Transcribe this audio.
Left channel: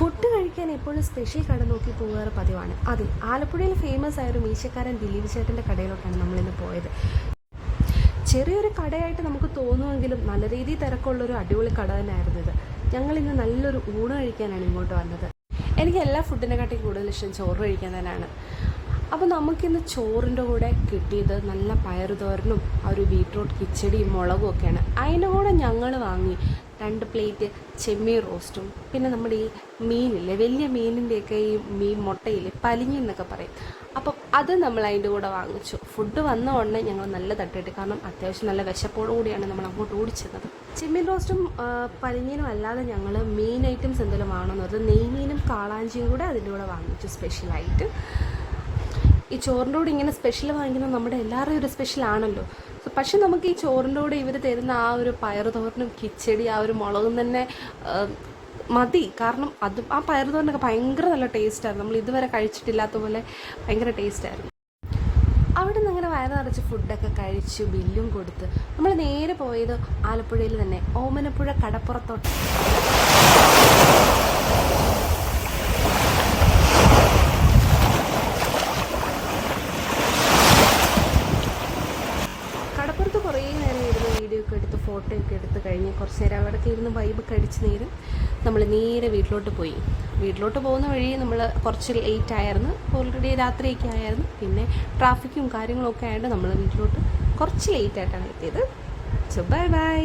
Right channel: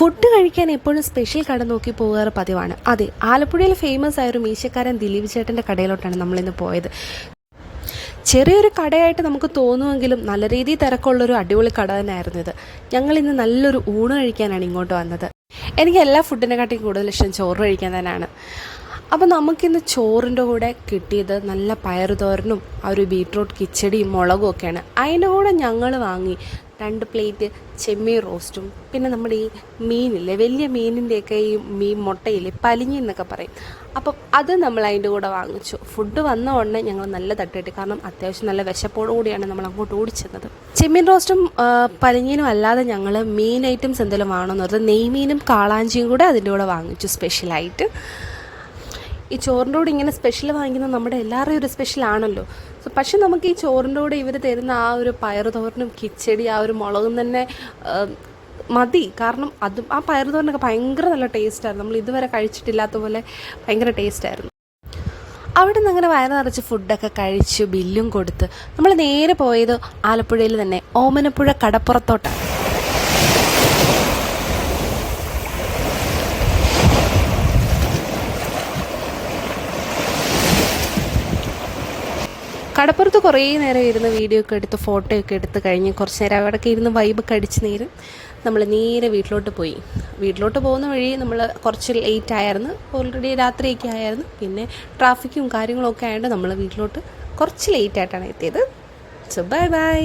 Food കഴിക്കാൻ എപ്പോഴും special കട നോക്കി പോകാറ് പതിവാണ്. അതെ, ആലപ്പുഴയിൽ ഫേമസ് ആയ ഒരു മീശക്കാരൻ ദിലീപ് ചേട്ടൻ്റെ കടയിലോട്ടാണ് നമ്മളിന്ന് പോയത്. ചെറിയൊരു കടയായിട്ട് നമുക്ക് തോന്നുമെങ്കിലും നല്ല രീതിയിൽ തിരക്കുള്ളൊരു അടിപൊളി കട തന്നെയായിരുന്നു ഇത്. ഞങ്ങളിന്ന് നല്ലൊരു ഊണ് കഴിക്കാനാണ് ഇങ്ങോട്ട് വന്നത്. എനിക്ക് എല്ലാ ഫുഡിനെക്കാട്ടിയും കൂടുതൽ ഇഷ്ടം ചോറ് കഴിക്കാൻ തന്നെയാണ്. അപ്പോൾ നമുക്കിന്ന് ചോറിൻ്റെ കൂടെ കിട്ടിയത് നല്ല പയറുതോരനും ആ ഒരു ബീട്രൂട്ട് കിച്ചടിയും മുളകും ഒക്കെയാണ്. അതിൻ്റെ കൂടെ ഞങ്ങൾ വാങ്ങി 2 പ്ലേറ്റ് ചെമ്മീൻ റോസ്റ്റും, പിന്നെ നമ്മുടെ ഈ മീനില്ലേ, വലിയ മീനിൻ്റെയൊക്കെ ഈ മീൻ മുട്ടയില്ലേ, പലിഞ്ഞി എന്നൊക്കെ പറയും. അപ്പം അത് നമ്മൾ അതിൻ്റെ കൂടെ വാങ്ങിച്ചു. ഫുഡ് വന്ന ഉടനെ ഞങ്ങൾ നല്ല തട്ടിട്ടി, കാരണം അത്യാവശ്യം നല്ല വിശപ്പോടു കൂടിയാണ് നമ്മൾ അങ്ങോട്ട് ഓടിച്ചെന്നത്. ചെമ്മീൻ റോസ്റ്റും പലിഞ്ഞീനും അല്ലാതെ ഞങ്ങൾ മീൻ ഐറ്റംസ് എന്തെങ്കിലും വാങ്ങണമെന്ന് പറഞ്ഞാൽ നെയ്മീനും കാളാഞ്ചിയും കൂടെ അതിൻ്റെ കൂടെ വാങ്ങിച്ചു സ്പെഷ്യലായിട്ട്. ഈ ചോറിൻ്റെ കൂടെ ഇങ്ങനെ സ്പെഷ്യൽ വാങ്ങിക്കുന്നത് നമ്മുടെ എല്ലാവരുടെയും ഒരു സ്പെഷ്യലാണല്ലോ. പക്ഷെ നമുക്ക് ഈ ചോറിൻ്റെ കൂടെ ഇവർ തരുന്ന ആ ഒരു പയറുതോരനും കിച്ചടി ആ ഒരു മുളകും തന്നെ മതി. കാരണം അതും ആ പയറുതോരനൊക്കെ ഭയങ്കര നല്ല ടേസ്റ്റായിരുന്നു. നമ്മൾ ഇതുവരെ കഴിച്ചിട്ടില്ലാത്ത പോലെ ഭയങ്കര ടേസ്റ്റായിരുന്നു. അവിടെ നിന്ന് അങ്ങനെ വയറ് നിറച്ച് ഫുഡൊക്കെ കഴിച്ച് ബില്ലും കൊടുത്ത് നമ്മൾ നേരെ പോയത് ആലപ്പുഴയിൽ തന്നെ ഓമനപ്പുഴ കടപ്പുറത്തോട്ട്. കടപ്പുറത്ത് കുറേ നേരം ഇരുന്ന് വീഡിയോ ഒക്കെ എടുത്ത് ഫോട്ടോ ഒക്കെ എടുത്ത് കഴിഞ്ഞ് കുറച്ച് നേരം അവിടെയൊക്കെ ഇരുന്ന് വൈബൊക്കെ അടിച്ച് നമ്മൾ നേരെ വീട്ടിലോട്ട് പോയി. വീട്ടിലോട്ട് പോകുന്ന വഴി നമ്മൾ കുറച്ച് ലേറ്റ് ആയിരുന്നു, ഓൾറെഡി രാത്രിയൊക്കെ ആയിരുന്നു. പിന്നെ ട്രാഫിക്കും കാര്യങ്ങളൊക്കെ ആയതുകൊണ്ട് നമ്മൾ വീട്ടിലോട്ട് കുറച്ച് ലേറ്റായിട്ടാണ് എത്തിയത്. So bye bye.